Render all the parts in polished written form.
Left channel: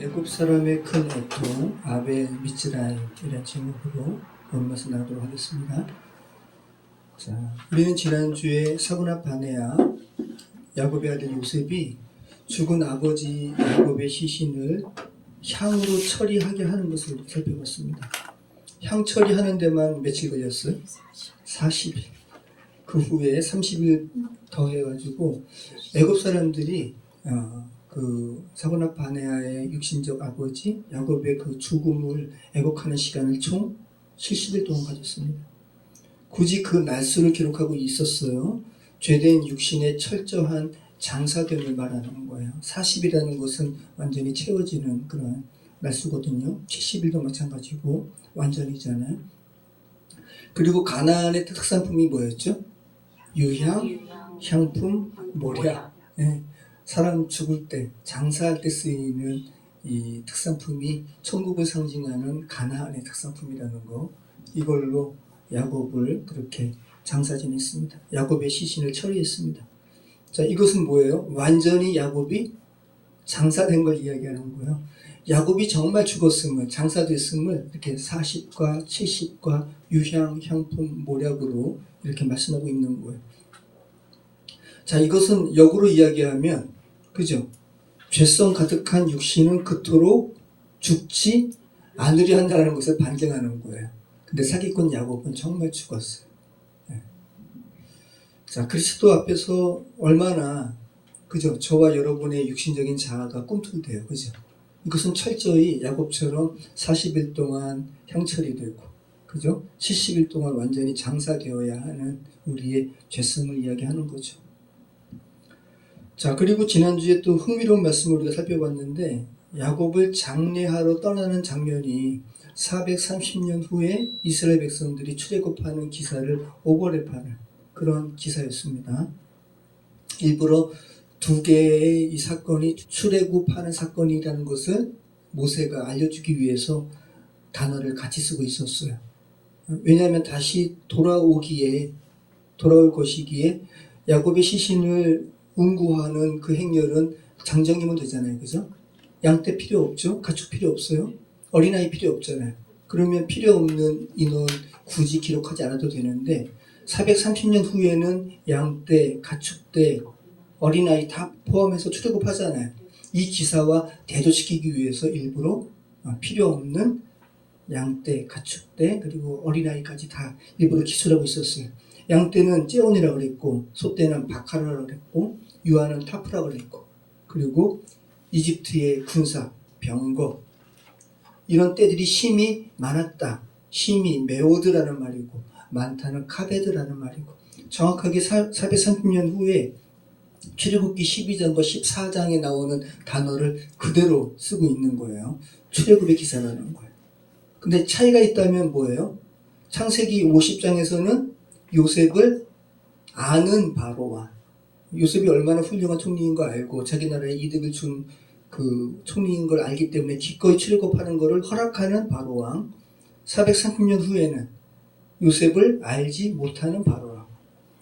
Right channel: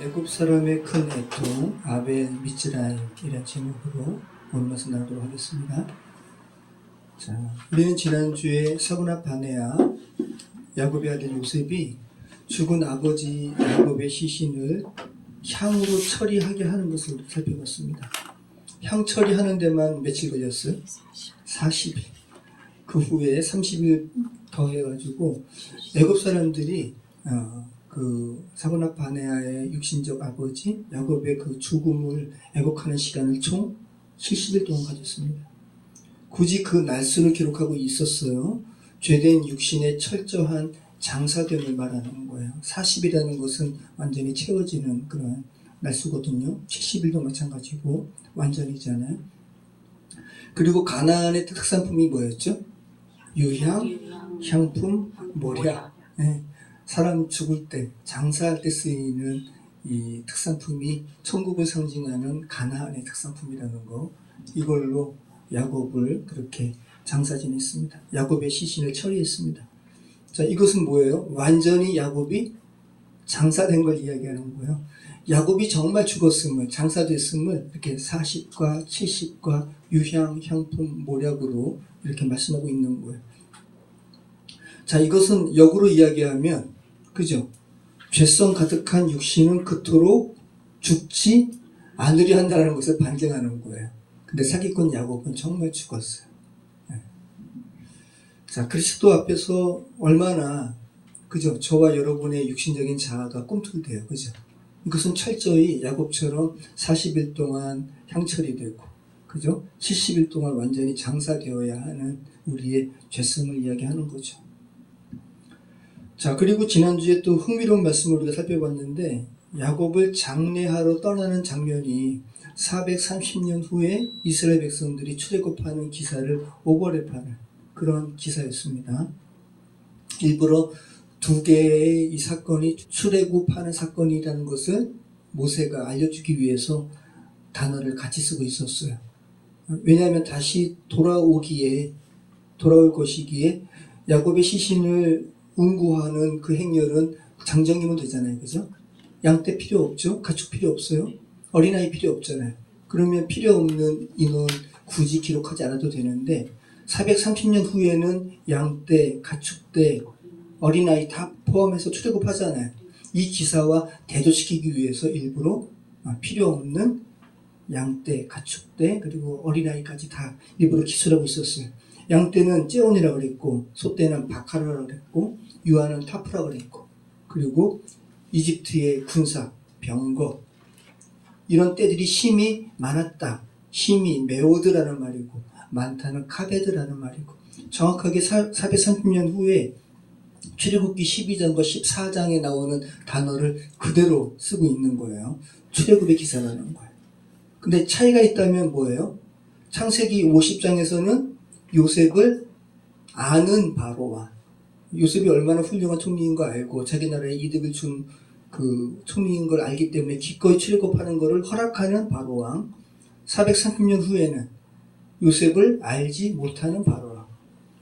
애굽 사람의 큰 애통 아벨 미츠라임이라는 제목으로 본문에서 나오도록 하겠습니다. 자, 우리는 지난주에 사구나 바네아 야곱의 아들 요셉이 죽은 아버지 야곱의 시신을 향으로 처리하게 하는 것을 살펴봤습니다. 향 처리하는 데만 며칠 걸렸어요? 40일. 그 후에 30일 더 해가지고 애굽 사람들이 그 사구나 바네아의 육신적 아버지 야곱의 그 죽음을 애곡하는 시간을 총 70일 동안 가졌습니다. 굳이 그 날수를 기록하고 있었어요. 죄된 육신의 철저한 장사됨을 말하는 거예요. 40이라는 것은 완전히 채워지는 그런 날수거든요. 70일도 마찬가지고 완전이잖아요. 그리고 가나안의 특산품이 뭐였죠? 유향, 향품, 모략. 네. 사람 죽을 때, 장사할 때 쓰이는 이 특산품이 천국을 상징하는 가나안의 특산품이라는 거, 이걸로 야곱을 그렇게 장사 지냈습니다. 야곱의 시신을 처리했습니다. 자, 이것은 뭐예요? 완전히 야곱이 장사된 걸 이야기하는 거예요. 야곱이 정말 죽었음을, 장사됐음을 이렇게 40과 70과 유향, 향품, 모략으로 이렇게 말씀하고 있는 거예요. 자, 이것은 역으로 이야기하면, 그죠? 죄성 가득한 육신은 그토록 죽지 않으려 한다는 것을 반증하는 거예요. 근데 사기꾼 야곱은 정말 죽었어요. 네. 자, 그리스도 앞에서 얼마나, 그죠? 저와 여러분의 육신적인 자아가 꿈틀대요. 그죠? 이것은 철저히 야곱처럼 40일 동안 향처리 되고, 그죠? 70일 동안 완전히 장사되어야 하는 우리의 죄성을 이야기하는 거죠. 자, 그리고 지난주에 또 흥미로운 말씀을 우리가 살펴봤는데, 야곱을 장례하러 떠나는 장면이 430년 후에 이스라엘 백성들이 출애굽하는 기사를 오버랩하는 그런 기사였습니다. 일부러 두 개의 이 사건이 출애굽하는 사건이라는 것을 모세가 알려주기 위해서 단어를 같이 쓰고 있었어요. 왜냐하면 다시 돌아올 것이기에 야곱의 시신을 운구하는 그 행렬은 장정이면 되잖아요. 그죠? 양떼 필요 없죠? 가축 필요 없어요? 어린아이 필요 없잖아요. 그러면 필요 없는 인원 굳이 기록하지 않아도 되는데 430년 후에는 양떼, 가축떼, 어린아이 다 포함해서 출애굽하잖아요. 이 기사와 대조시키기 위해서 일부러 필요 없는 양떼, 가축떼, 그리고 어린아이까지 다 일부러 기술하고 있었어요. 양떼는 째온이라고 그랬고, 소떼는 바카라라고 그랬고, 유아는 타프라고 그랬고, 그리고 이집트의 군사, 병거, 이런 떼들이 힘이 많았다. 힘이 메오드라는 말이고, 많다는 카베드라는 말이고, 정확하게 430년 후에 출애굽기 12장과 14장에 나오는 단어를 그대로 쓰고 있는 거예요. 출애굽의 기사라는 거예요. 근데 차이가 있다면 뭐예요? 창세기 50장에서는 요셉을 아는 바로와, 요셉이 얼마나 훌륭한 총리인 거 알고 자기 나라에 이득을 준 그 총리인 걸 알기 때문에 기꺼이 출애굽하는 것을 허락하는 바로왕, 430년 후에는 요셉을 알지 못하는 바로왕.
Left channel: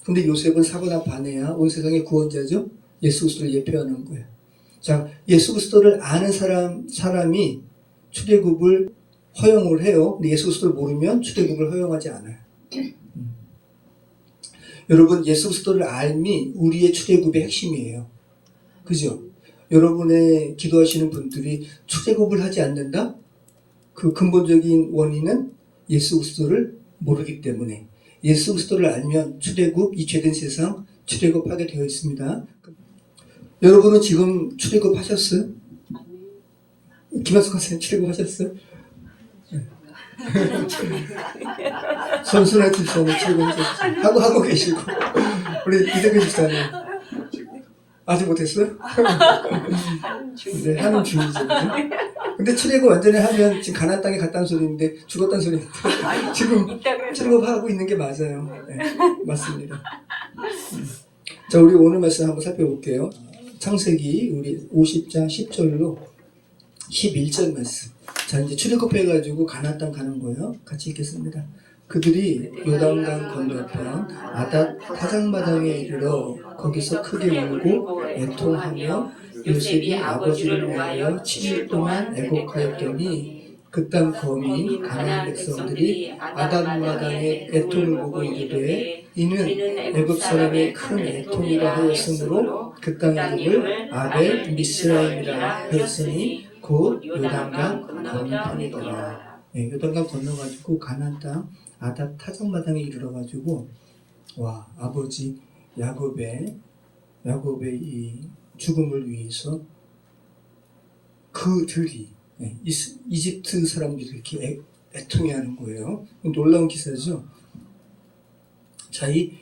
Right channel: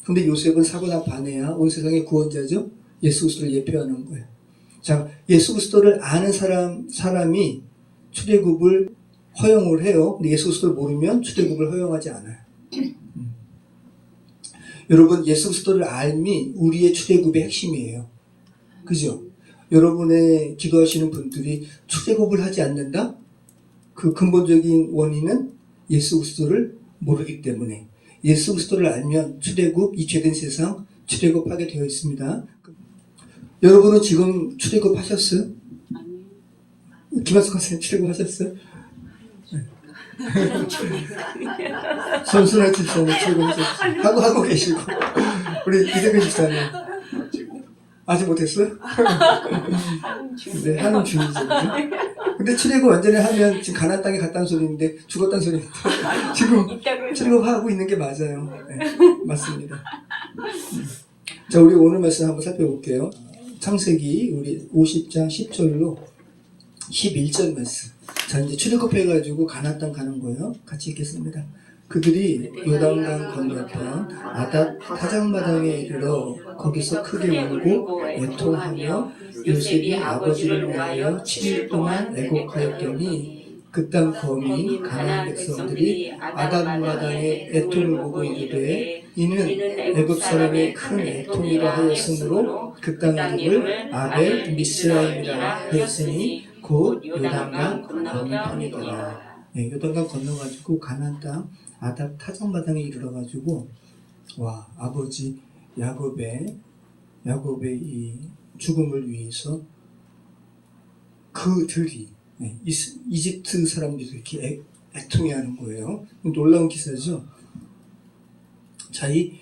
근데 요셉은 사구나 바네아 온 세상의 구원자죠. 예수 그리스도를 예표하는 거예요. 자, 예수 그리스도를 아는 사람이 출애굽을 허용을 해요. 근데 예수 그리스도를 모르면 출애굽을 허용하지 않아요. 여러분, 예수 그리스도를 알미 우리의 출애굽의 핵심이에요. 그죠? 여러분의 기도하시는 분들이 출애굽을 하지 않는다? 그 근본적인 원인은 예수 그리스도를 모르기 때문에. 예수 그리스도를 알면 출애굽, 이 죄된 세상 출애굽하게 되어 있습니다. 여러분은 지금 출애굽하셨어요? 김한석 선생님 출애굽하셨어요? 손순환 집사님 출애굽 하고 계시고, 우리 이대근 집사님 아직 못했어요? 네, 하는 중이죠. 근데 출애굽 완전히 하면 지금 가나안 땅에 갔다는 소리인데 죽었다는 소리인데 지금 출애굽하고 있는 게 맞아요. 네, 맞습니다. 자, 우리 오늘 말씀 한번 살펴볼게요. 창세기 우리 50장 10절로 11절 말씀. 자, 이제 출애굽해가지고 가나안 땅 가는 거예요. 같이 읽겠습니다. 그들이 요단강 건너편 아닷 타작마당에 이르러 거기서 크게 울고 애통하며 요셉이 아버지를 위하여 7일 동안 애곡하였더니 그 땅 거민 가나안 백성들이 아담마당의 애통을 보고 이르되 이는 애굽 사람의 큰 애통이라 하였으므로 그 땅 이름을 아벨 미스라임이라 하였으니 곧 요단강 건너편이더라. 네, 요단강 건너가지고 가나안 땅 아답 타작마당에 이르러가지고 와 아버지 야곱의 이 죽음을 위해서 그들이 이집트 사람들이 이렇게 애통해하는 거예요. 놀라운 기사죠. 자, 이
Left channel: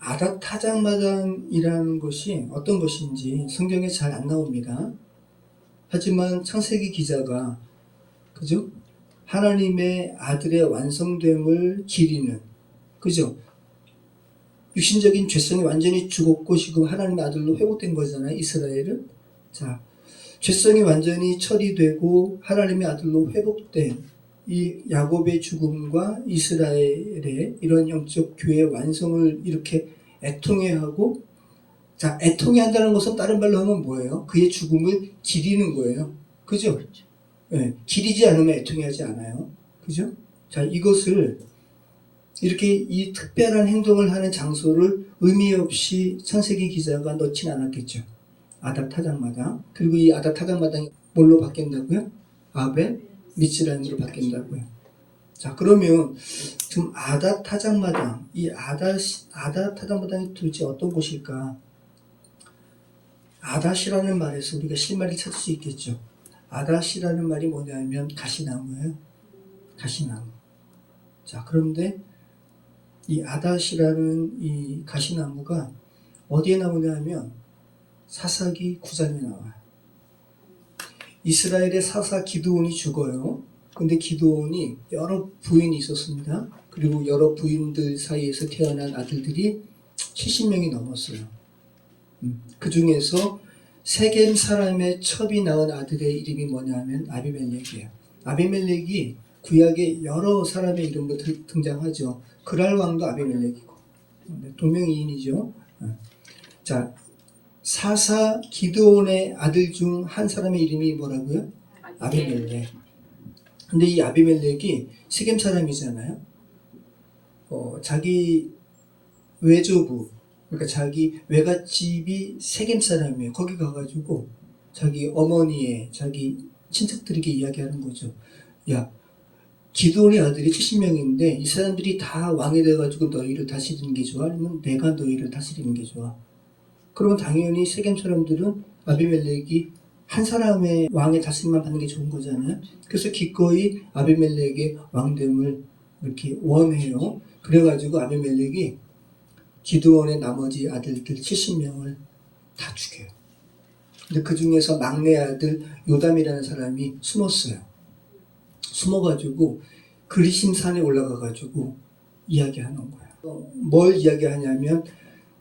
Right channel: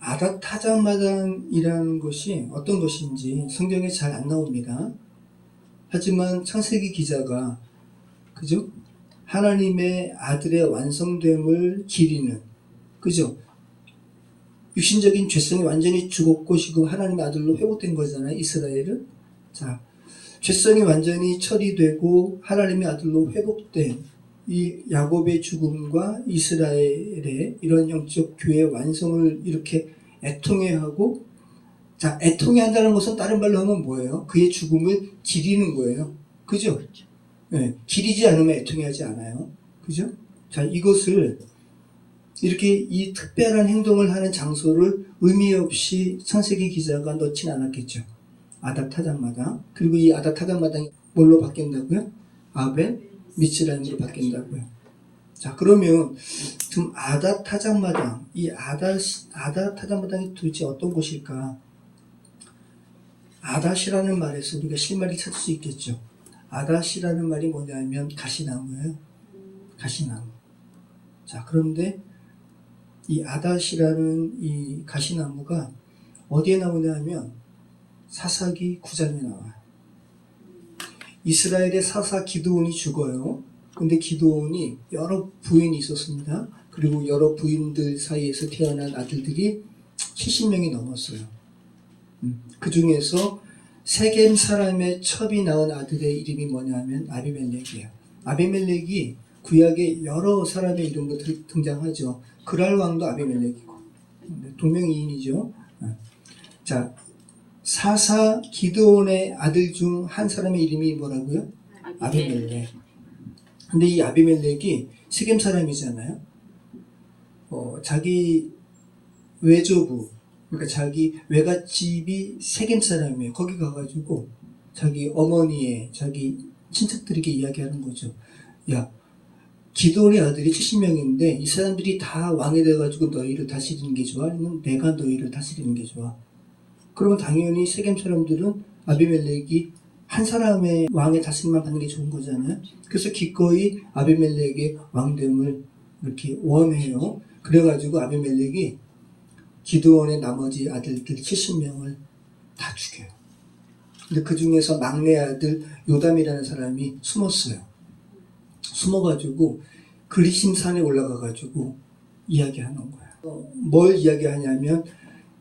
아답 타작마당이라는 것이 어떤 것인지 성경에 잘 안 나옵니다. 하지만 창세기 기자가 그죠? 하나님의 아들의 완성됨을 기리는 그죠? 육신적인 죄성이 완전히 죽었고 지금 하나님의 아들로 회복된 거잖아요. 이스라엘은. 자, 죄성이 완전히 처리되고 하나님의 아들로 회복된 이 야곱의 죽음과 이스라엘의 이런 영적 교회의 완성을 이렇게 애통해하고 자, 애통해한다는 것은 다른 말로 하면 뭐예요? 그의 죽음을 기리는 거예요. 그죠? 네, 기리지 않으면 애통해하지 않아요. 그죠? 자, 이것을 이렇게 이 특별한 행동을 하는 장소를 의미 없이 창세기 기자가 넣진 않았겠죠. 아답 타작마당. 그리고 이 아답 타작마당이 뭘로 바뀐다고요? 아벨 미츠라임으로 바뀐다고요. 자, 그러면 지금 아답 타작마당, 이 아답 타작마당이 도대체 어떤 곳일까? 아닷이라는 말에서 우리가 실마리 찾을 수 있겠죠. 아닷이라는 말이 뭐냐면 가시나무예요. 가시나무. 자, 그런데 이 아닷이라는 이 가시나무가 어디에 나오냐 하면 사사기 9장에 나와요. 이스라엘의 사사 기드온이 죽어요. 근데 기드온이 여러 부인이 있었습니다. 그리고 여러 부인들 사이에서 태어난 아들들이 70명이 넘었어요. 그 중에서 세겜 사람의 첩이 낳은 아들의 이름이 뭐냐면 아비멜렉이에요. 아비멜렉이 구약에 여러 사람의 이름으로 등장하죠. 그랄 왕도 아비멜렉이고 동명이인이죠. 자, 사사 기드온의 아들 중 한 사람의 이름이 뭐라고요? 아비멜렉. 근데 이 아비멜렉이 세겜 사람이잖아요. 자기 외조부, 그러니까 자기 외갓집이 세겜 사람이에요. 거기 가가지고 자기 어머니의 자기 친척들에게 이야기하는 거죠. 야, 기드온의 아들이 70명인데 이 사람들이 다 왕이 돼가지고 너희를 다스리는 게 좋아? 아니면 내가 너희를 다스리는 게 좋아? 그러면 당연히 세겜 사람들은 아비멜렉이 한 사람의 왕의 다스림만 받는 게 좋은 거잖아요. 그래서 기꺼이 아비멜렉의 왕됨을 이렇게 원해요. 그래가지고 아비멜렉이 기드온의 나머지 아들들 70명을 다 죽여요. 근데 그 중에서 막내 아들 요담이라는 사람이 숨었어요. 숨어가지고 그리심 산에 올라가가지고 이야기하는 거예요. 뭘 이야기하냐면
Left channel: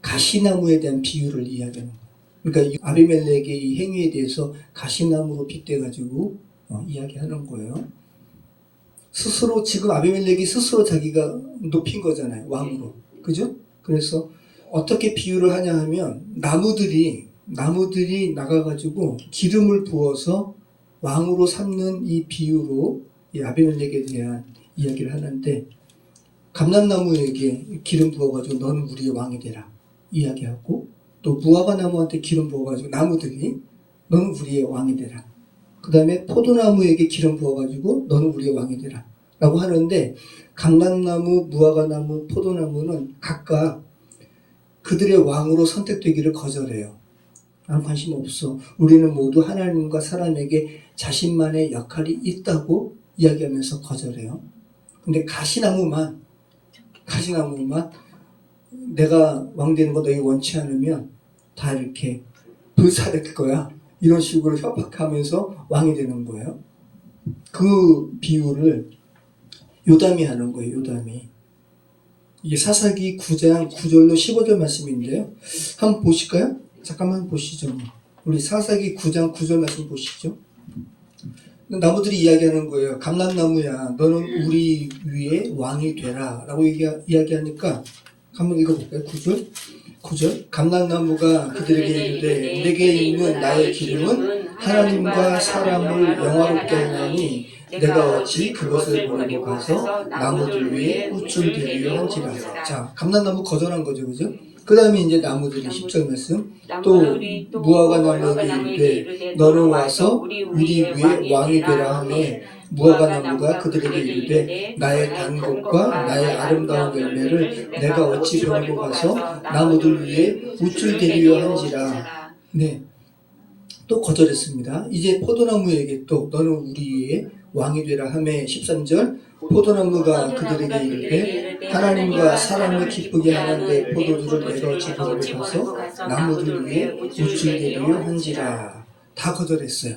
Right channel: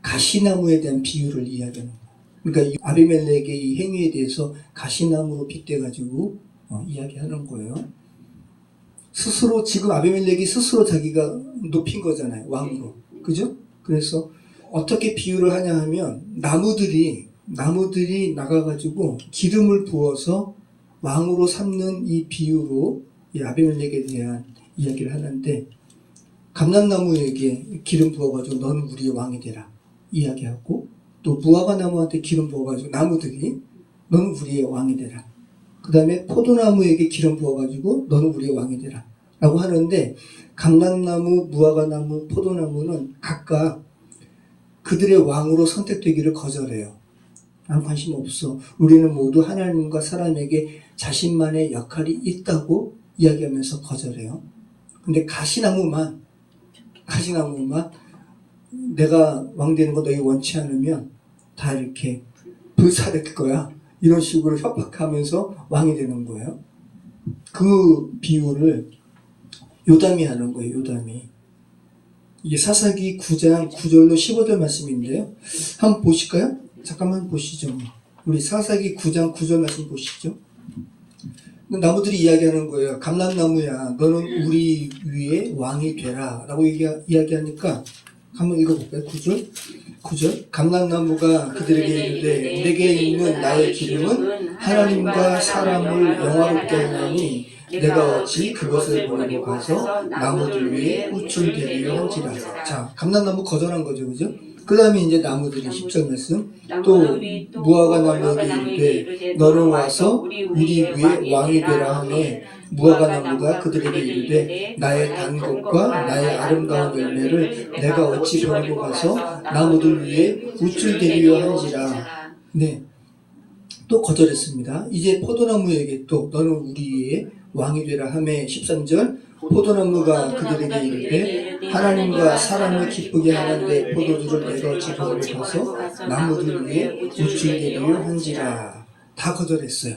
가시나무에 대한 비유를 이야기하는 거예요. 그러니까 아비멜렉의 이 행위에 대해서 가시나무로 빗대가지고 이야기하는 거예요. 스스로 지금 아비멜렉이 스스로 자기가 높인 거잖아요. 왕으로. 그죠? 그래서 어떻게 비유를 하냐 하면 나무들이 나가가지고 기름을 부어서 왕으로 삼는 이 비유로 이 아비멜렉에 대한 이야기를 하는데 감람나무에게 기름 부어가지고 너는 우리의 왕이 되라 이야기하고 또 무화과 나무한테 기름 부어가지고 나무들이 너는 우리의 왕이 되라. 그 다음에 포도나무에게 기름 부어가지고 너는 우리의 왕이 되라 라고 하는데 감람나무, 무화과나무, 포도나무는 각각 그들의 왕으로 선택되기를 거절해요. 난 관심 없어. 우리는 모두 하나님과 사람에게 자신만의 역할이 있다고 이야기하면서 거절해요. 근데 가시나무만 내가 왕 되는 거 너희 원치 않으면 다 이렇게 불사될 거야. 이런 식으로 협박하면서 왕이 되는 거예요. 그 비유를 요담이 하는 거예요. 요담이. 이게 사사기 9장 9절로 15절 말씀인데요. 한번 보실까요? 잠깐만 보시죠. 우리 사사기 9장 9절 말씀 보시죠. 나무들이 이야기하는 거예요. 감람나무야, 너는 우리 위에 왕이 되라 라고 이야기하니까 한번 읽어볼까요? 9절. 9절 감람나무가 그들에게 이르되 내게 있는 나의 기름은 하나님과 사람을 영화롭게 하나니 내가 어찌 그것을 보내고 가서 나무들 위에 우쭐 대리려 한지라. 자, 감람나무 거절한 거죠, 그죠? 그 다음에 이제 나무들이 10절 말씀 또 무화과 나무에게 이르되 너는 와서 우리 위에 왕이 되라 하매 무화과 나무가 그들에게 이르되 나의 단 것과 나의 아름다운 열매를 내가 어찌 보내고 가서 나무들 위에 우쭐 대리려 한지라. 네, 또 거절했습니다. 이제 포도나무에게 또 너는 우리의 왕이 되라 하매 13절 포도나무가 그들에게 이르되 하나님과 사람을 기쁘게 하는데 포도주를 내가 어찌 보내고 가서 나무들 위에 우쭐 대리려 한지라. 다 거절했어요.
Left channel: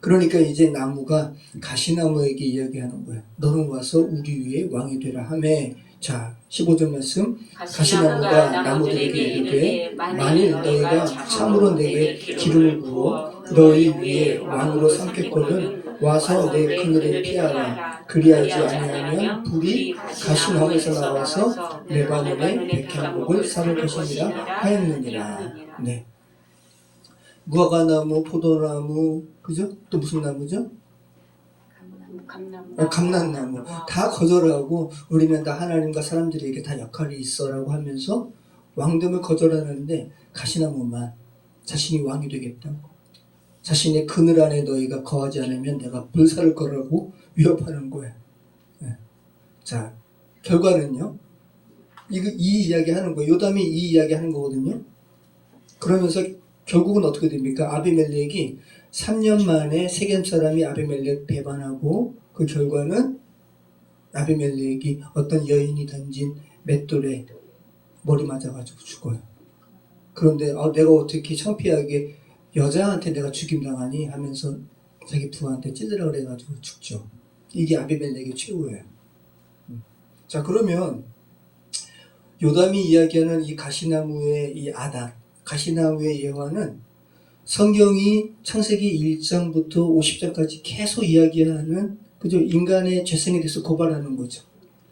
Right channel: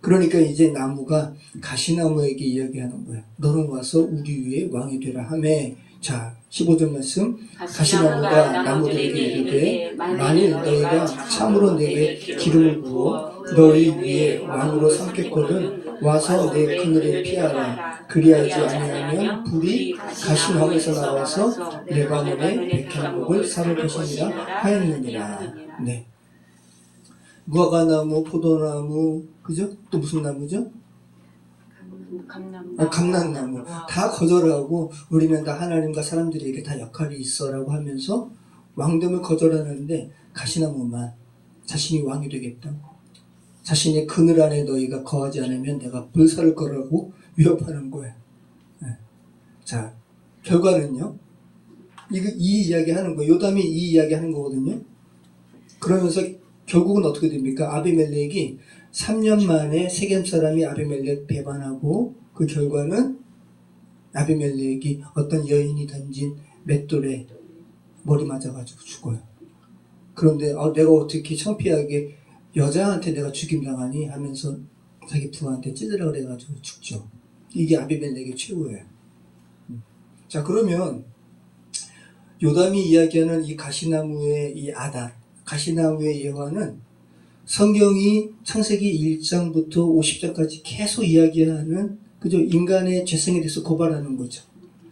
그러니까 이제 나무가 가시나무에게 이야기하는 거야. 너는 와서 우리 위에 왕이 되라 하매. 자, 15절 말씀 가시나무가 나무들에게 이르되 만일 너희가 참으로 내게 기름을 부어 너희 위에 왕으로 삼겠거든 와서 내 그늘에 피하라. 그리하지 아니하면 불이 가시나무에서 나와서 레바논의 백향목을 사를 것이니라 하였느니라. 네. 무화과나무, 포도나무, 그죠? 또 무슨 나무죠? 감람나무. 다 거절하고 우리는 다 하나님과 사람들에게 다 역할이 있어라고 하면서 왕됨을 거절하는데 가시나무만 자신이 왕이 되겠다고. 자신의 그늘 안에 너희가 거하지 않으면 내가 불살을 거라고 위협하는 거예요. 네. 자, 결과는요. 이 이야기 하는 거예요. 요담이 이 이야기 하는 거거든요. 그러면서 결국은 어떻게 됩니까? 아비멜렉이 3년 만에 세겜 사람이 아비멜렉 배반하고 그 결과는 아비멜렉이 어떤 여인이 던진 맷돌에 머리 맞아가지고 죽어요. 그런데 내가 어떻게 창피하게 여자한테 내가 죽임당하니 하면서 자기 부하한테 찔러라 그래가지고 죽죠. 이게 아비멜렉의 최후예요. 자, 그러면 요담이 이야기하는 이 가시나무의 이 아단, 가시나무의 예화는 성경이 창세기 1장부터 50장까지 계속 이야기하는 그저 인간의 죄성에 대해서 고발하는 거죠.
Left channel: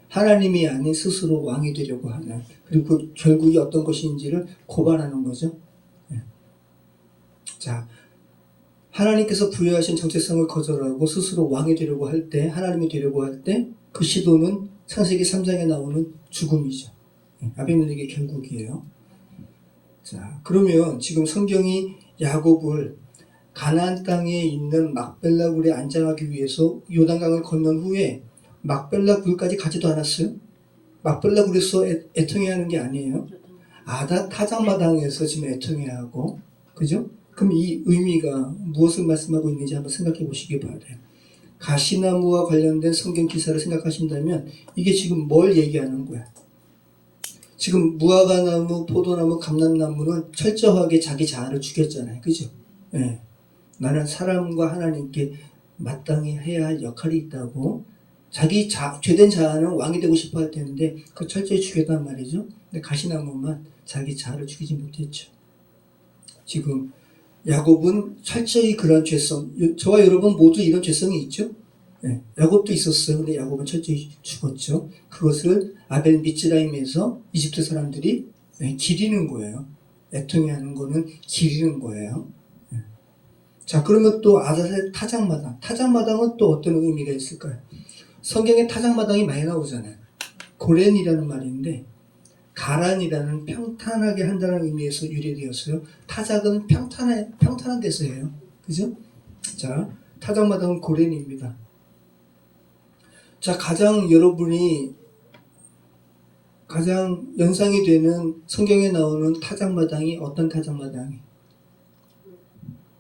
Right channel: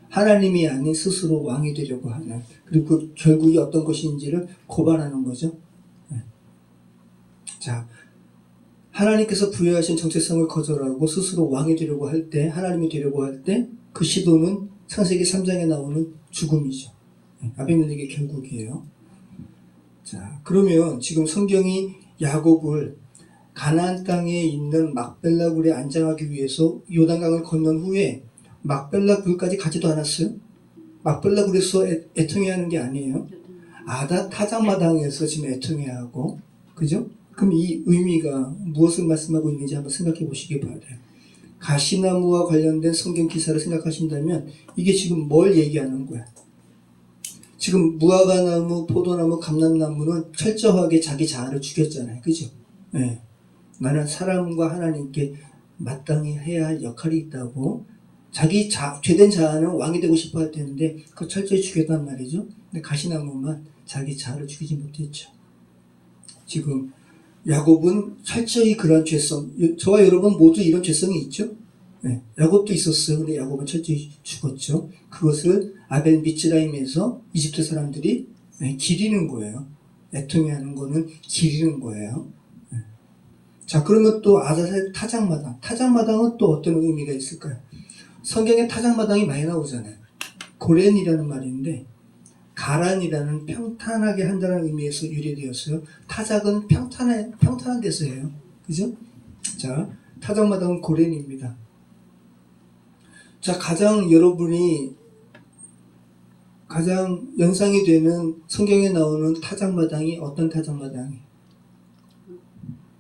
하나님이 아닌 스스로 왕이 되려고 하는, 그리고 그 결국이 어떤 것인지를 고발하는 거죠. 네. 자, 하나님께서 부여하신 정체성을 거절하고 스스로 왕이 되려고 할 때, 하나님이 되려고 할 때 그 시도는 창세기 3장에 나오는 죽음이죠. 네. 아비멜렉의 결국이에요. 자, 그러면 지금 성경이 야곱을 가나안 땅에 있는 막벨라 굴에 안장하기 위해서 요단강을 건넌 후에 막벨라 굴까지 가지도 않았어요. 막벨라 굴에서 애통해야 하는 게 아니에요. 아다 타작마당에서 지금 애통해야 하고, 그죠? 그럼 이 의미가 무엇을 말씀하고 있는지 한번 생각해 보시기 바라요. 가시나무와 관련된 성경 기사를 생각하신다면 이게 지금 뭘 얘기하는 거야? 지금 무화과나무, 포도나무, 감람나무는 철저하게 자기 자아를 죽였잖아요. 그죠? 네. 나는 사람과 하나님께 마땅히 해야 할 역할이 있다고. 자기 죄된 자아는 왕이 되고 싶어 할 텐데 그거 철저히 죽였단 말이죠. 근데 가시나무만 자기 자아를 죽이지 못했죠. 지금 야곱은 철저히 그런 죄성, 저와 여러분 모두 이런 죄성이 있죠. 네. 야곱도 있었어요. 근데 야곱은 철저히 죽었죠. 그것을 아벨 미츠라임에서 이집트 사람들이 기리는 거예요. 애통해하는 거는 기리는 거예요. 자, 그러면 또 아자셀 타작마당. 타작마당은 또 어떤 의미가 있을까요? 성경에 타작마당이 많이 나오잖아요. 고렌이라는 말인데 가란이라는 평탄하게 한다는 의미에서 유래되었어요. 타작은 평탄한 데서예요. 그죠? 자, 타작마당은 고렌입니다. 자, 여러분이 가장 연상이 되는 성경에 나오는 타작마당이 어떤 타작마당이?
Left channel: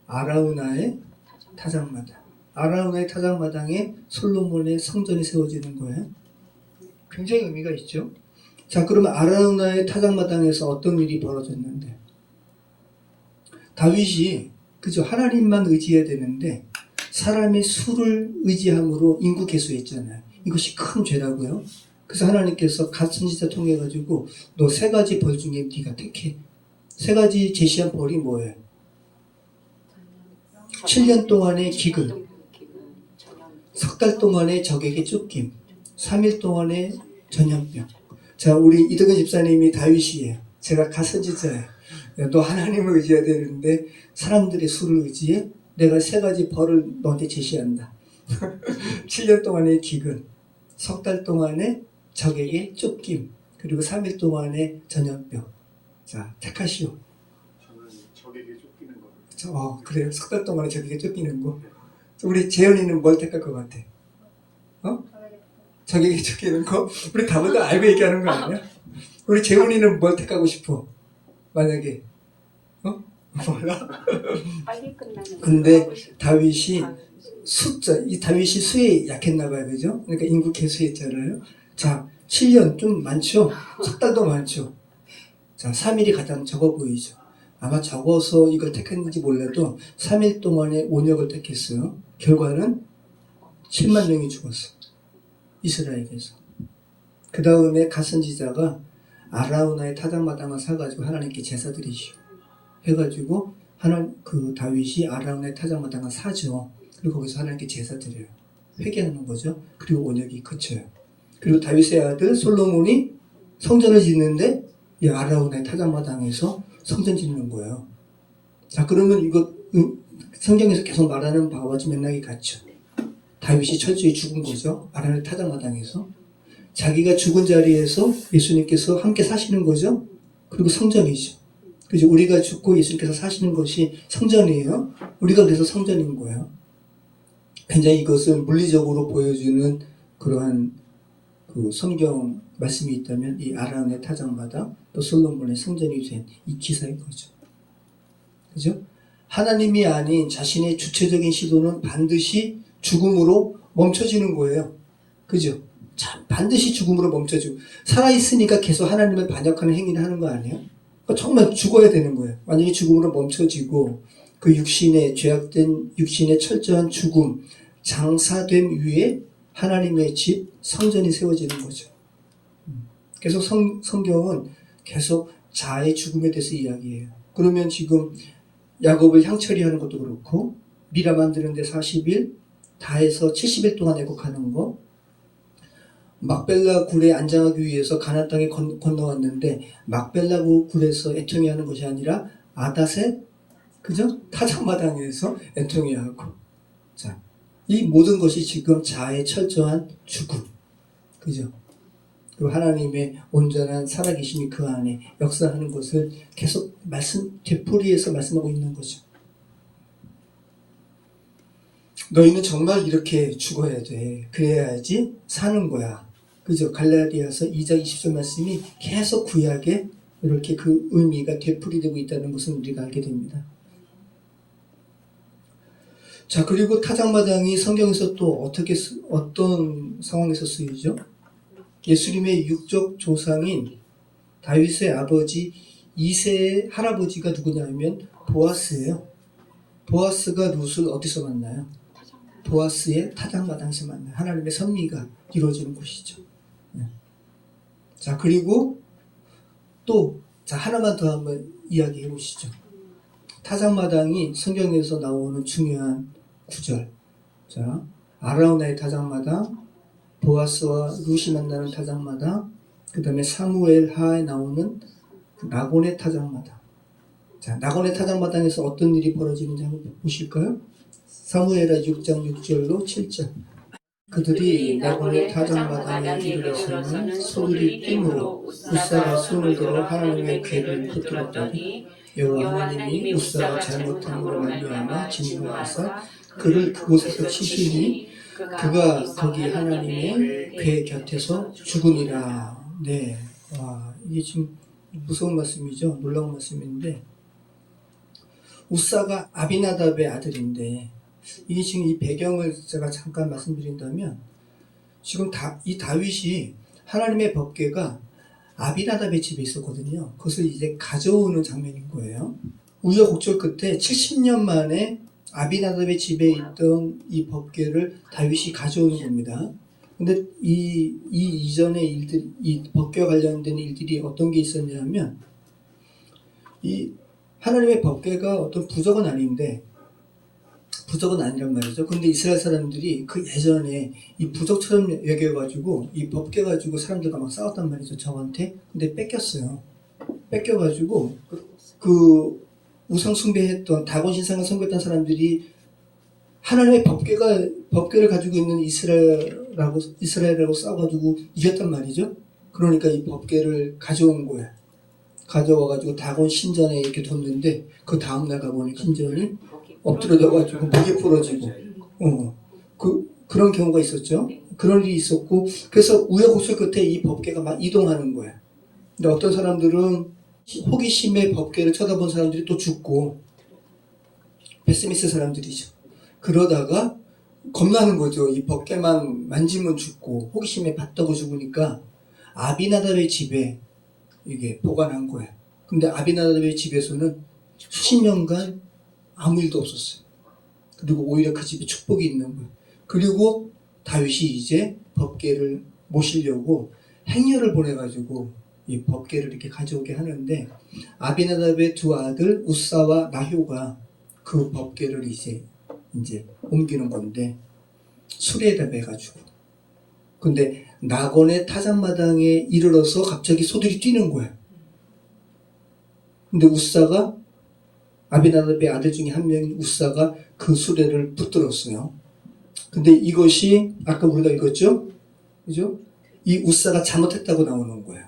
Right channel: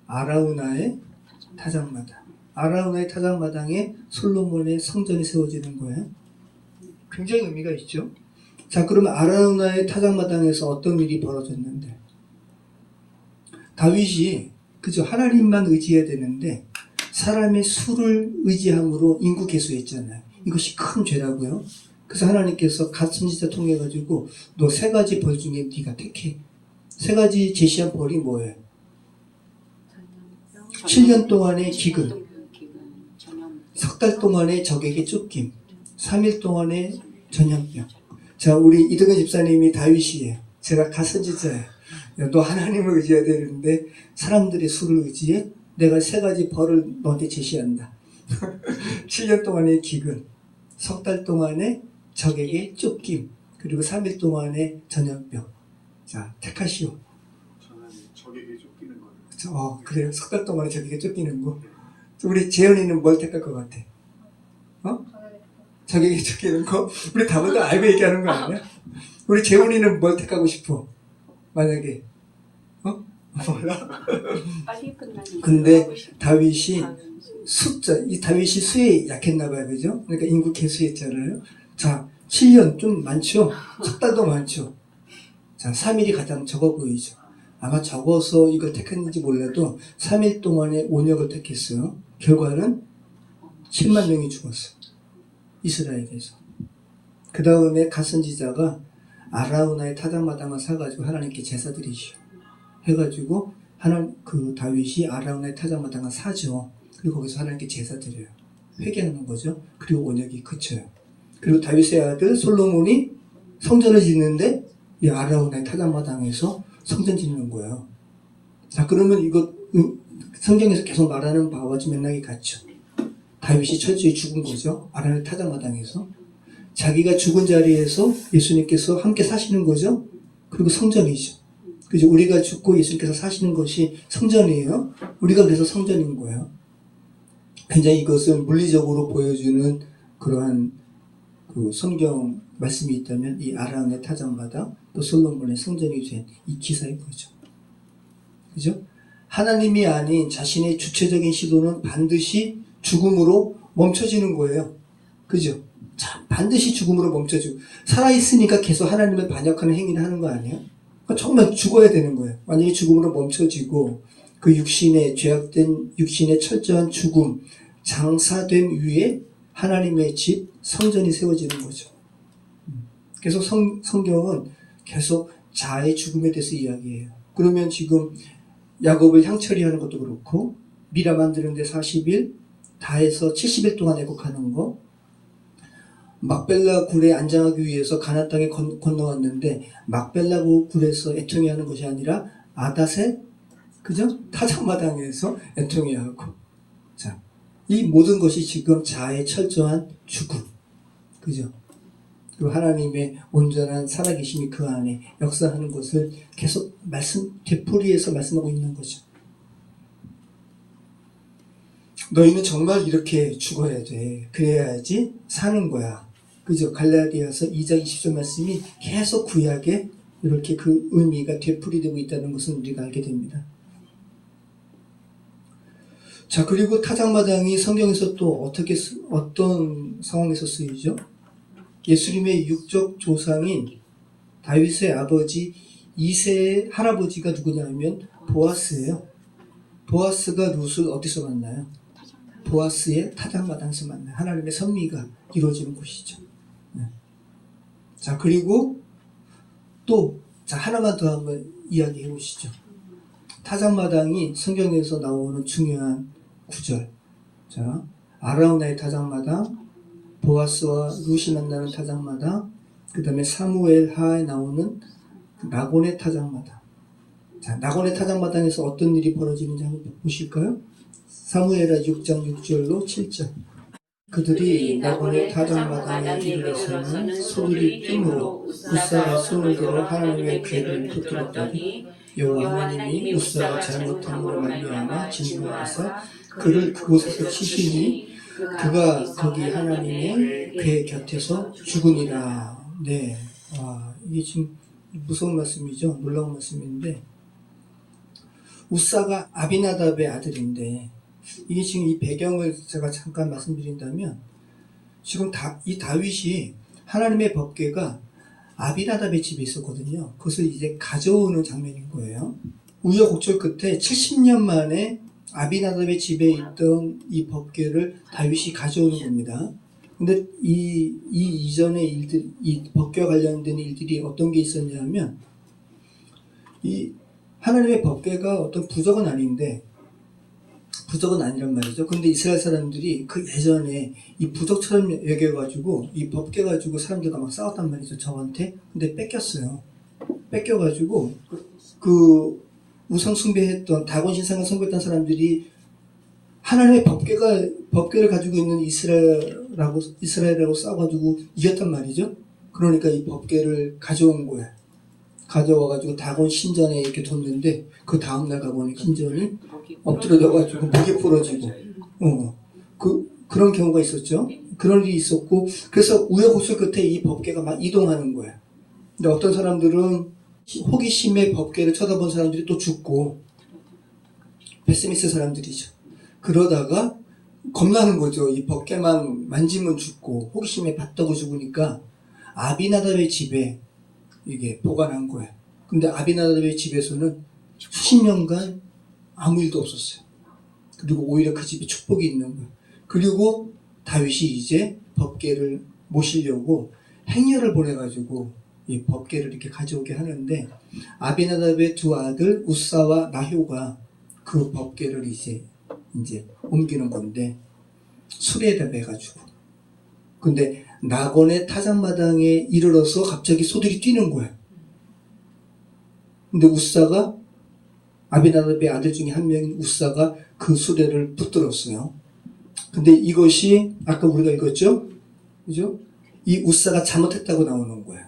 아라우나의 타작마당. 아라우나의 타작마당에 솔로몬의 성전이 세워지는 거예요. 굉장히 의미가 있죠. 자, 그러면 아라우나의 타작마당에서 어떤 일이 벌어졌는데? 다윗이 그저 하나님만 의지해야 되는데 사람의 수를 의지함으로 인구 개수했잖아요. 이것이 큰 죄라고요. 그래서 하나님께서 갓 선지자 통해 가지고 너 3가지 벌 중에 네가 택해. 3가지 제시한 벌이 뭐예요? 7년 동안의 기근, 석 달 동안의 적에게 쫓김, 3일 동안의 전염병. 자, 우리 이덕근 집사님이 다윗이에요. 제가 가서지자야. 너 하나님을 의지해야 되는데 사람들의 수를 의지해? 내가 세 가지 벌을 너한테 제시한다. 7년 동안의 기근, 석 달 동안의 적에게 쫓김, 그리고 3일 동안의 전염병. 자, 택하시오. 저는 적에게 쫓기는 거예요. 그래요? 석 달 동안에 적에게 쫓기는 거. 우리 재현이는 뭘 택할 것 같아? 적에게 쫓기는 거? 우리 다보다 알고 얘기하는 거 아니야? 우리 재훈이는 뭘 택하고 싶어? 만약에 몰라? 빨리 끝나는 근데 거 하고 싶어. 다윗이 이 다윗이 수에 약했나 봐요, 그죠? 그러니까 인구 개수했잖아요. 자, 7년 좀 많죠? 석 달도 많죠? 자, 3일이 가장 적어 보이죠? 아마 적어서 이걸 택했는지 몰라도 3일 동안에 온역을 택했어요. 결과는 7만 명이 죽었어요. 이스라엘에서. 그 다음에 가선지자가 아라우나의 타작마당을 사가지고 하나님께 제사 드리시오. 해가지고 그 다윗이 아라우나의 타작마당을 사죠. 그리고 거기서 하나님께 제사 드려요. 회개하는 거죠. 그리고 온역이 그쳐요. 그리고 다윗의 아들 솔로몬이 성전을 짓는데 이 아라우나의 타작마당에서 성전 짓는 거예요. 자, 그러면 이거 성경에서 계속 말하는 바와 좀 맥락이 같죠. 다윗이 철저히 죽은 거죠. 아라우나의 타작마당에서. 자기가 죽은 자리에서 예수님께서 함께 사시는 거죠. 그리고 성전이죠. 그죠? 우리가 죽고 예수님께서 사시는 것이 성전이에요. 우리가 그래서 성전인 거예요. 굉장히 이것을 물리적으로 보여주는 그러한 그 성경 말씀이 있다면 이 아라운의 타작마당 또 솔로몬의 성전이 된 이 기사인 거죠. 그죠? 하나님이 아닌 자신의 주체적인 시도는 반드시 죽음으로 멈춰지는 거예요. 그죠? 자, 반드시 죽음으로 멈춰지고 살아있으니까 계속 하나님을 반역하는 행위를 하는 거 아니에요? 그러니까 정말 죽어야 되는 거예요. 만약에 죽음으로 멈춰지고 그 육신의 죄악된 육신의 철저한 죽음 장사된 위에 하나님의 집 성전이 세워지는 거죠. 계속 성경은 계속 자아의 죽음에 대해서 이야기해요. 그러면 지금 야곱을 향처리하는 것도 그렇고 미라 만드는데 40일 다 해서 70일 동안 애곡하는 거, 막벨라 굴에 안장하기 위해서 가나안 땅에 건너왔는데 막벨라 굴에서 애통해하는 것이 아니라 아닷의 그죠? 타작마당에서 애통해하고. 자, 이 모든 것이 지금 자아의 철저한 죽음, 그죠? 그리고 하나님의 온전한 살아계심이 그 안에 역사하는 것을 계속 되풀이해서 말씀하고 있는 거죠. 너희는 정말 이렇게 죽어야 돼. 그래야지 사는 거야. 그죠? 갈라디아서 2장 20절 말씀이 계속 구약에 이렇게 그 의미가 되풀이되고 있다는 것을 우리가 알게 됩니다. 자, 그리고 타작마당이 성경에서 또 어떤 상황에서 쓰이죠? 예수님의 육적 조상인 다윗의 아버지 이새의 할아버지가 누구냐면 보아스예요. 보아스가 룻을 어디서 만나요? 보아스의 타작마당에서 만나요. 하나님의 섭리가 이루어지는 곳이죠. 네. 자, 그리고 또 하나만 더 한번 이야기해 보시죠. 타작마당이 성경에서 나오는 중요한 구절. 자, 아라우나의 타작마당, 보아스와 룻이 만나는 타작마당, 그 다음에 사무엘 하에 나오는 나곤의 타작마당. 자, 나곤의 타작마당에서 어떤 일이 벌어지는지 한번 보실까요? 사무엘하 6장 6절로 7절. 그들이 나곤의 타작마당에 이르러서는 소들이 뜸으로 우사가 손을 들어 하나님의 괴를 붙들었더니 여호와 하나님이 우사가 잘못함으로 말미암아 진노하사 그를 그곳에서 치시니 그가 거기 하나님의 괴 곁에서 죽으니라. 네, 이게 지금 무서운 말씀이죠. 놀라운 말씀인데 우사가 아비나답의 아들인데 이게 지금 이 배경을 제가 잠깐 말씀드린다면 지금 이 다윗이 하나님의 법궤가 아비나답의 집에 있었거든요. 그것을 이제 가져오는 장면인 거예요. 우여곡절 끝에 70년 만에 아비나답의 집에 있던 이 법궤를 다윗이 가져오는 겁니다. 근데 이 이전의 일들, 이 법궤와 관련된 일들이 어떤 게 있었냐면 이 하나님의 법궤가 어떤 부적은 아닌데 부적은 아니란 말이죠. 근데 이스라엘 사람들이 그 예전에 이 부적처럼 여겨가지고 이 법궤 가지고 사람들과 막 싸웠단 말이죠. 저한테. 근데 뺏겼어요. 뺏겨가지고 그 우상 숭배했던 다곤 신상을 숭배했던 사람들이 하나님의 법궤를 가지고 있는 이스라엘하고 싸워가지고 이겼단 말이죠. 그러니까 이 법궤를 가져온 거야. 가져와가지고 다곤 신전에 이렇게 뒀는데 그 다음날 가보니까 신전이 엎드려져가지고 목이 부러지고 그런 경우가 있었죠. 그런 일이 있었고 그래서 우여곡절 끝에 이 법궤가 막 이동하는 거야. 근데 어떤 사람들은 호기심에 법궤를 쳐다본 사람들이 또 죽고 베스미스 사람들이죠. 그러다가 겁나는 거죠. 이 법궤만 만지면 죽고 호기심에 봤다고 죽으니까 아비나답의 집에 이게 보관한 거예요. 근데 아비나답의 집에서는 수십 년간 아무 일도 없었어요. 그리고 오히려 그 집에 축복이 있는 거예요. 그리고 다윗이 이제 법궤를 모시려고 행렬을 보내가지고 이 법궤를 이렇게 가져오게 하는데 아비나답의 두 아들 우사와 나효가 그 법궤를 이제 옮기는 건데 수레에다 매가지고 근데 나곤의 타작마당에 이르러서 갑자기 소들이 뛰는 거예요. 근데 우사가 아비나답의 아들 중에 한 명인 우사가 그 수레를 붙들었어요. 근데 이것이 아까 우리가 읽었죠? 그죠? 이 우사가 잘못했다고 나오는 거예요.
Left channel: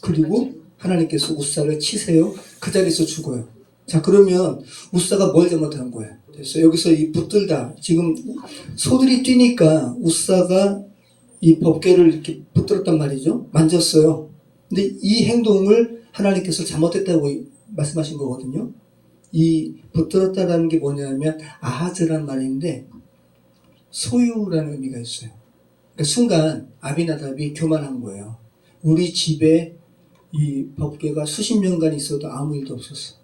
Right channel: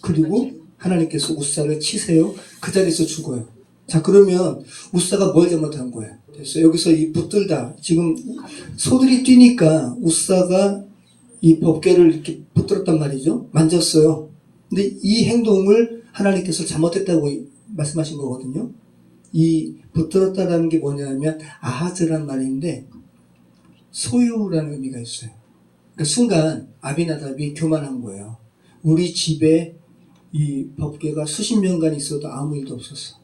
그리고 하나님께서 우사를 치세요. 그 자리에서 죽어요. 자, 그러면 우사가 뭘 잘못한 거예요? 그래서 여기서 이 붙들다. 지금 소들이 뛰니까 우사가 이 법궤를 이렇게 붙들었단 말이죠. 만졌어요. 근데 이 행동을 하나님께서 잘못했다고 말씀하신 거거든요. 이 붙들었다라는 게 뭐냐면 아하즈란 말인데 소유라는 의미가 있어요. 그러니까 순간 아비나답이 교만한 거예요. 우리 집에 이 법궤가 수십 년간 있어도 아무 일도 없었어.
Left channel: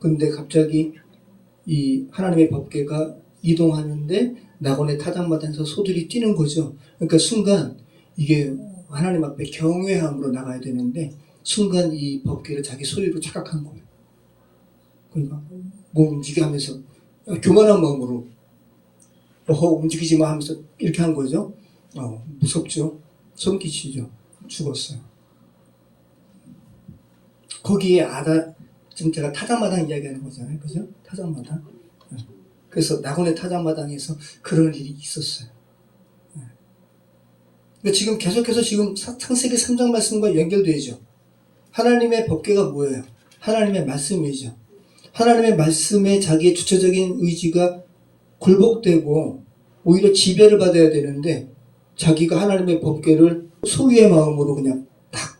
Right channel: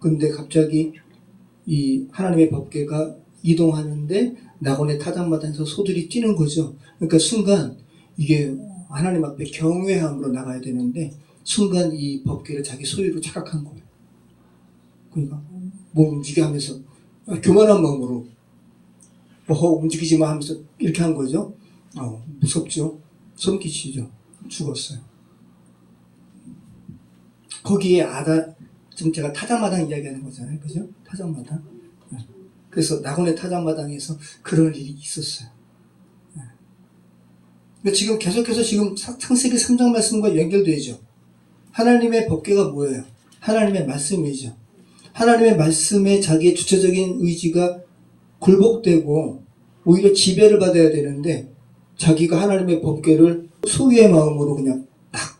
근데 갑자기 이 하나님의 법궤가 이동하는데 나곤의 타작마당에서 소들이 뛰는 거죠. 그러니까 순간 이게 하나님 앞에 경외함으로 나가야 되는데 순간 이 법궤를 자기 소유로 착각한 거예요. 그러니까 뭐 움직이게 하면서 교만한 마음으로 움직이지 마 하면서 이렇게 한 거죠. 무섭죠. 소름 끼치죠. 죽었어요. 거기에 지금 제가 타작마당 이야기하는 거잖아요. 그죠? 타작마당. 그래서 나곤의 타작마당에서 그런 일이 있었어요. 그러니까 지금 계속해서 지금 창세기 3장 말씀과 연결되죠. 하나님의 법궤가 뭐예요? 하나님의 말씀이죠. 하나님의 말씀에 자기의 주체적인 의지가 굴복되고 오히려 지배를 받아야 되는데 자기가 하나님의 법궤를 소유의 마음으로 그냥 딱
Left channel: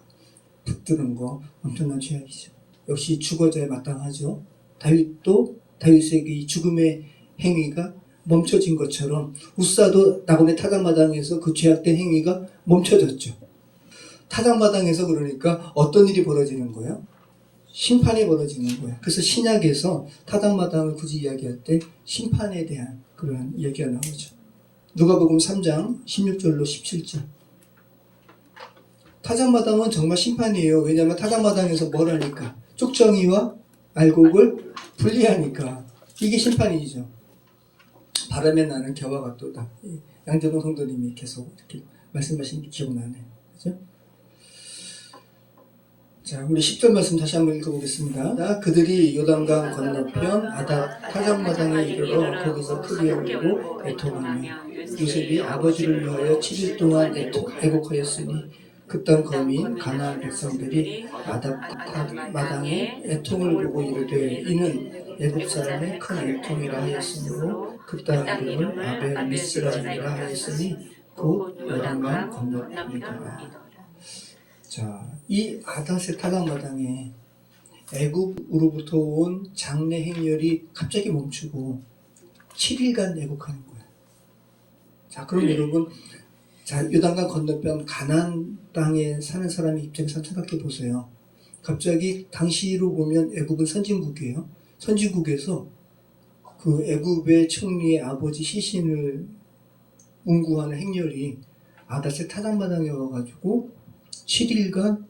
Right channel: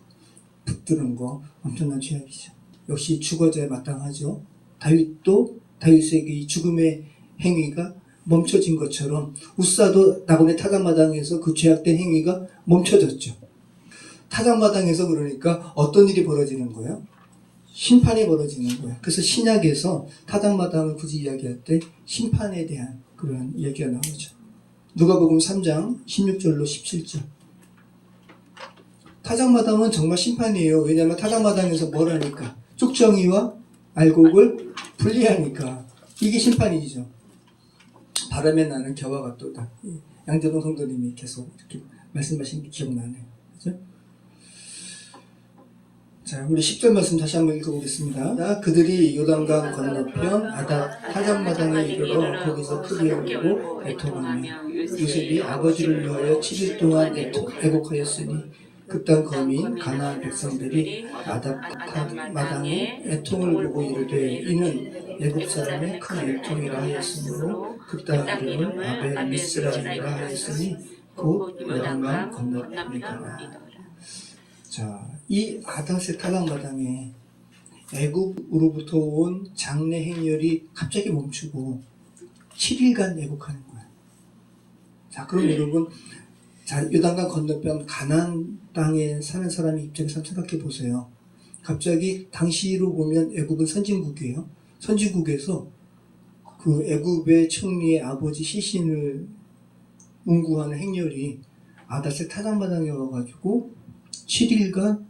붙드는 거 엄청난 죄악이죠. 역시 죽어져야 마땅하죠. 다윗도 다윗에게 이 죽음의 행위가 멈춰진 것처럼 우사도 나곤의 타작마당에서 그 죄악된 행위가 멈춰졌죠. 타작마당에서 그러니까 어떤 일이 벌어지는 거예요? 심판이 벌어지는 거예요. 그래서 신약에서 타작마당을 굳이 이야기할 때 심판에 대한 그런 이야기가 나오죠. 누가복음 3장 16절로 17절. 타작마당은 정말 심판이에요. 왜냐하면 타작마당에서 뭘 하니까? 쭉정이와 알곡을 분리하니까. 이게 심판이죠. 바람에 나는 겨와 같도다. 양재동 성도님이 계속 이렇게 말씀하신 게 기억나네요. 그죠? 자, 우리 10절 말씀 다시 한번 읽어보겠습니다. 그들이 요단강 건너편 타작마당에 이르러 거기서 크리를 보고 애통하며 요셉이 아버지를 위하여 7일 동안 애곡하였으니 그땅 거민 가나안 백성들이 타작마당에 애통을 보고 이르되 이는 애굽 사람의 큰 애통이라 하였으므로 그 땅 이름을 아벨 미스라임이라 하였으니 곧 요단강 건너편이더라. 자, 이 아닷의 타작마당에 애굽으로부터 온 장래 행렬이 갑자기 멈추고 7일간 애곡하는 거예요. 자, 그럼 여러분, 자, 요단강 건너편 가나안 땅에 사는 사람의 입장에서 한번 생각해 보세요. 갑자기 당시로 보면 애굽은 선진국이에요. 선진국에서 그 애굽의 총리의 아버지 시신을 문구하는 행렬이 아닷의 타작마당에 와가지고 7일간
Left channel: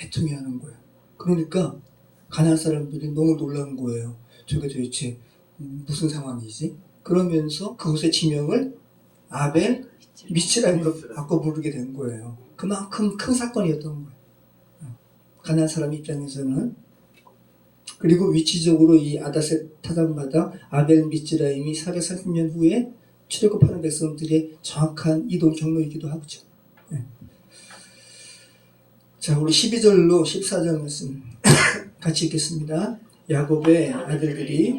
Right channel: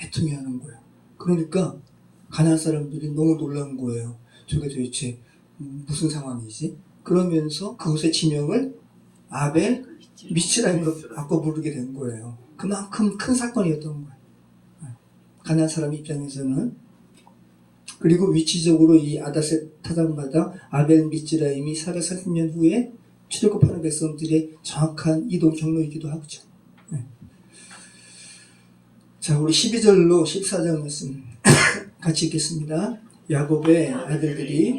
애통해하는 거예요. 그러니까 가나안 사람들이 너무 놀란 거예요. 저게 도대체 무슨 상황이지? 그러면서 그곳의 지명을 아벨 미스라임으로 바꿔 부르게 된 거예요. 그만큼 큰 사건이었던 거예요. 가나안 사람 입장에서는. 그리고 위치적으로 이 아다셋 타작마다 아벨 미츠라임이 430년 후에 출애굽하는 백성들의 정확한 이동 경로이기도 하죠. 네. 자, 우리 12절로 14절 말씀 같이 읽겠습니다. 야곱의 아들들이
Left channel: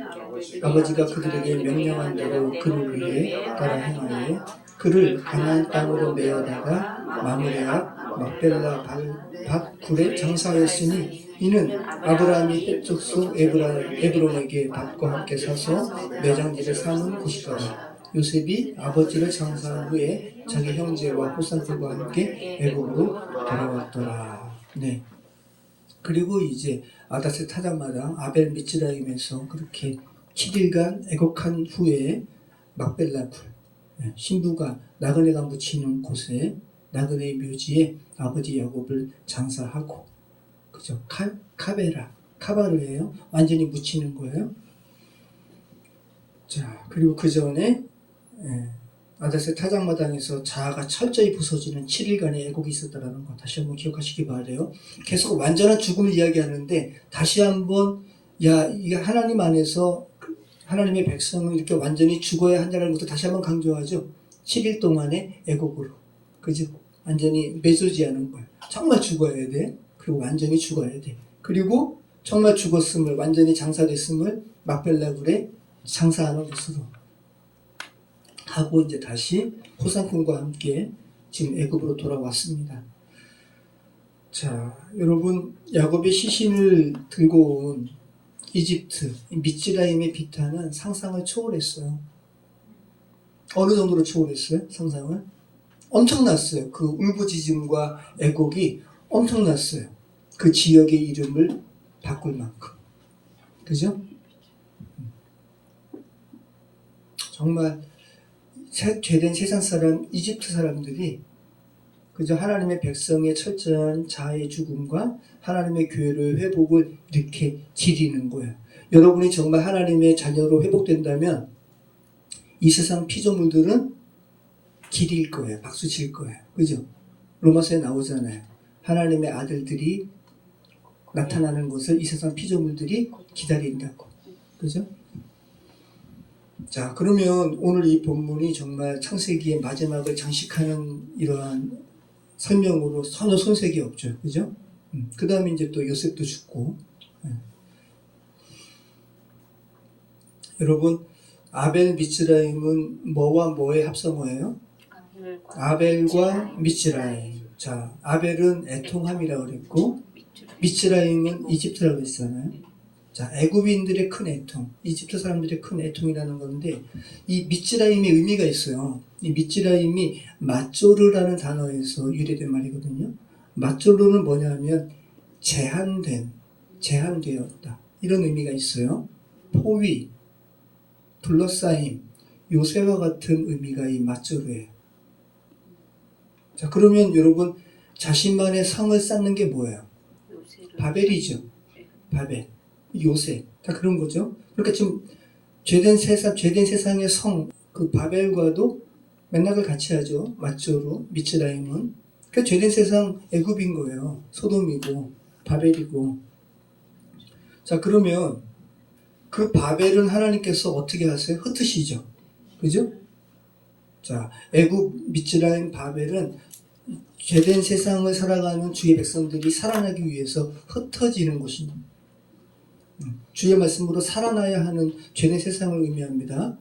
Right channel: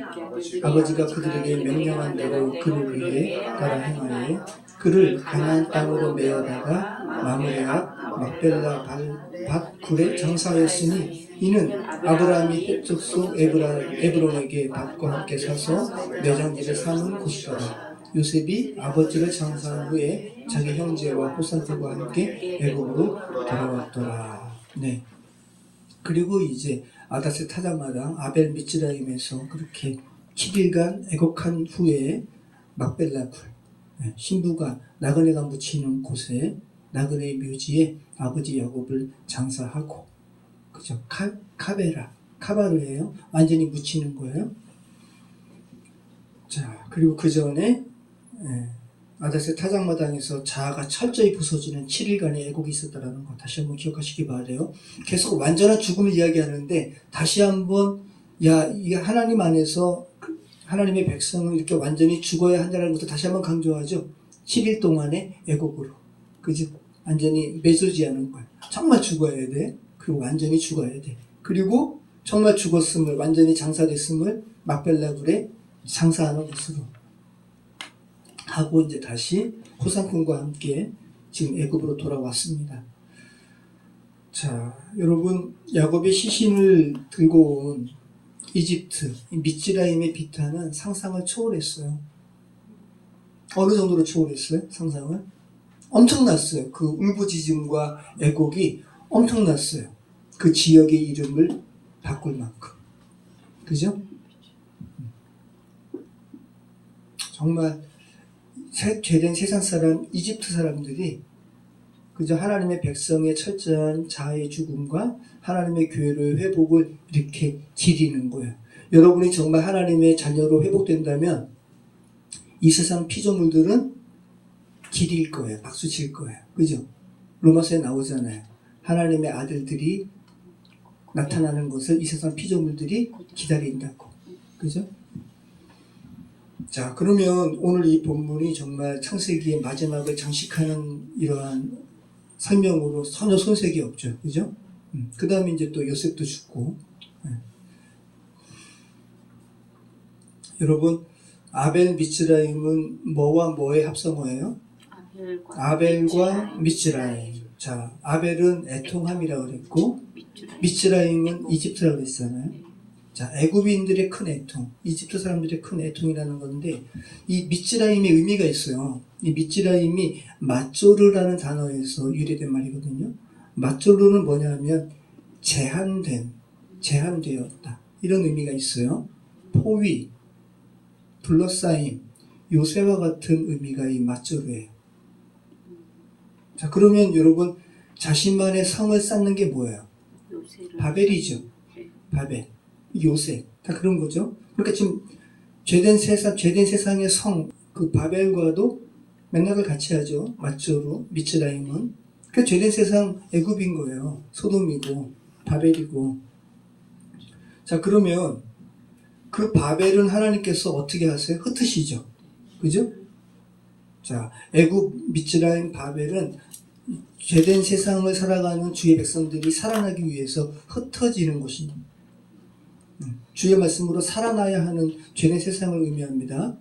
아버지가 그들에게 명령한 대로 그를 위해 따라 행하여 그를 가나안 땅으로 메어다가 마므레와 막벨라 밭굴에 장사하였으니 이는 아브라함이 헷 족속 에브론에게 밭과 함께 사서 매장지를 사는 곳이더라. 요셉이 아버지를 장사한 후에 자기 형제와 호산들과 함께 애굽으로 돌아왔더라. 네. 그리고 이제 아다셋 타작마다 아벨 미츠라임에서 그렇게 7일간 애곡한 후에 막벨라굴, 신부가 나그네가 묻히는 곳에 나그네의 묘지에 아버지 야곱을 장사하고, 그죠? 카바를 해요. 완전히 묻히는 거예요. 자, 그리고 그 전에 아다셋 타작마당에서 자아가 철저히 부서지는 7일간의 애곡이 있었다는 거 다시 한번 기억하시기 바라요. 계속 완전한 죽음을 이야기하는데 다시 한번 이게 하나님 안에서 하나님의 백성은 이렇게 완전히 죽어야 한다는 것도 다시 한번 강조하죠. 7일 동안의 애곡으로. 그죠? 완전히 매소지 않은 거야. 정말 죽어야 돼. 그리고 완전히 죽어야 돼. 그리고 정말 죽었음을, 완전히 장사됐음을 막벨라굴에 장사하는 것으로 하고 이제 다시 호산군과 함께 지금 애굽으로 돌아왔습니다. 자, 여러분, 야곱의 시신을 들고 온 이집트, 미츠라임의 비탄은 상상을 초월했어요. 어느 정도로 초월했어요? 상상을? 엄청났어요. 그 울부짖음과 애곡이 엄청났어요. 그 지역의 이름을 바꿀 만큼. 그죠? 정말 죄된 세상 사람, 이집트 사람들이 그저 하나님의 백성의 철저한 자아의 죽음과 하나님의 교회의 회복을 이렇게 기리는 거예요. 여러분이 정말 하나님의 자녀로 회복된다면 이 세상 피조물들은 기릴 거예요. 박수 칠 거예요. 그죠? 로마서에 나오잖아요. 하나님의 아들들이 나타나는 것을 이 세상 피조물들이 기다린다고. 그죠? 자, 그러면 오늘 이 본문이 정말 창세기의 마지막을 장식하는 이러한 설명으로 전혀 손색이 없죠. 그죠? 그 다음에 이제 또 요셉도 죽고. 여러분, 아벨 미츠라임은 뭐와 뭐의 합성어예요? 아벨과 미츠라임. 자, 아벨은 애통함이라고 그랬고, 미츠라임은 이집트라고 그랬잖아요. 자, 애굽인들의 큰 애통, 이집트 사람들의 큰 애통이라는 건데, 이 미츠라임의 의미가 있어요. 이 미츠라임이 마쪼르라는 단어에서 유래된 말이거든요. 마쪼르는 뭐냐면 제한되었다. 이런 의미가 있어요. 포위, 둘러싸임, 요새와 같은 의미가 이 마쪼르예요. 자, 그러면 여러분, 자신만의 성을 쌓는 게 뭐예요? 바벨이죠. 바벨. 요새. 다 그런 거죠. 그러니까 지금 죄된 세상의 성, 그 바벨과도 맥락을 같이 하죠. 마쪼르, 미츠라임은. 그러니까 죄된 세상 애굽인 거예요. 소돔이고, 바벨이고. 자, 그러면 그 바벨은 하나님께서 어떻게 하세요? 흩으시죠. 그죠? 자, 애굽, 미츠라임, 바벨은 죄된 세상을 살아가는 주의 백성들이 살아나기 위해서 흩어지는 곳입니다. 주의 말씀으로 살아나야 하는 죄된 세상을 의미합니다.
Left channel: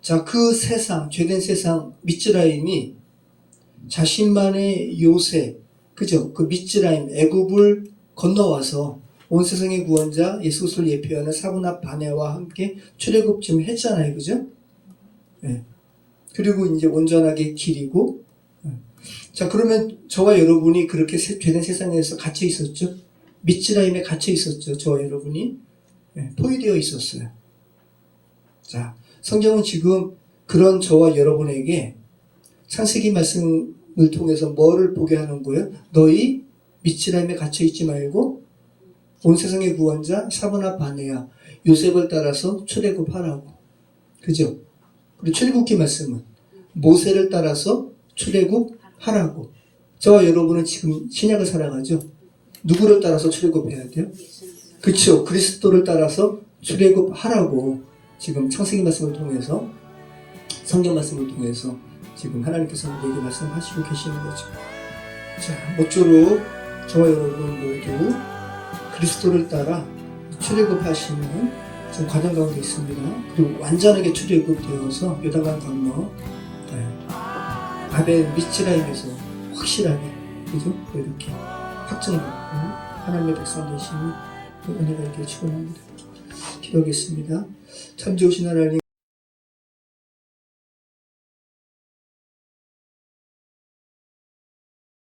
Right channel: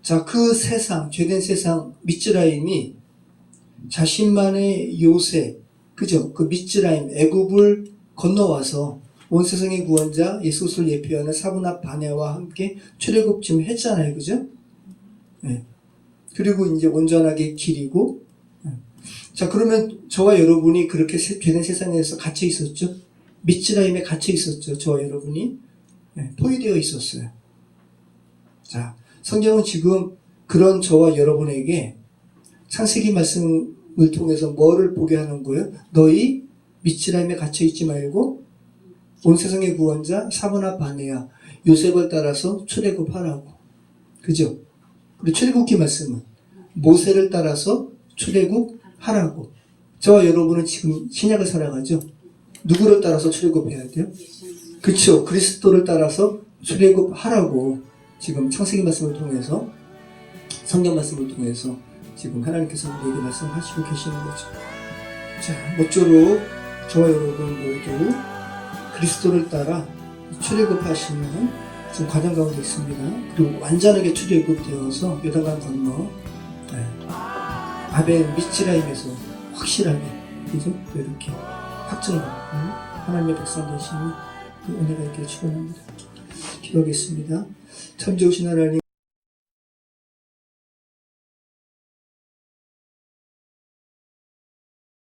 자, 그 세상, 죄된 세상, 미츠라임이 자신만의 요새, 그죠? 그 미츠라임, 애굽을 건너와서 온 세상의 구원자 예수를 예표하는 사분합 바네와 함께 출애굽 지금 했잖아요. 그죠? 네. 그리고 이제 온전하게 기리고, 자, 그러면 저와 여러분이 그렇게 죄된 세상에서 갇혀 있었죠? 미츠라임에 갇혀 있었죠. 저와 여러분이. 포위되어 있었어요. 자, 성경은 지금 그런 저와 여러분에게 창세기 말씀을 통해서 뭐를 보게 하는 거예요? 너희 미츠라임에 갇혀 있지 말고 온 세상의 구원자 사분합 바네아 요셉을 따라서 출애굽하라고. 그죠? 그리고 출애굽기 말씀은 모세를 따라서 출애굽하라고. 저와 여러분은 지금 신약을 살아가죠. 누구를 따라서 출애굽해야 돼요? 그렇죠. 그리스도를 따라서 출애굽하라고 지금 창세기 말씀을 통해서 성경 말씀을 통해서 지금 하나님께서 우리에게 말씀하시고 계시는 거죠. 자, 모쪼록 저와 여러분 모두 그리스도를 따라 출애굽하시는 지금 과정 가운데 있습니다. 그리고 완전하게 출애굽되어서 요단강 건너 아벨 미츠라임에서 확실하게 그죠? 이렇게 확정받고 하나님의 백성 되시는 은혜가 있기를 축원합니다. 기도하겠습니다. 참 좋으신 하나님.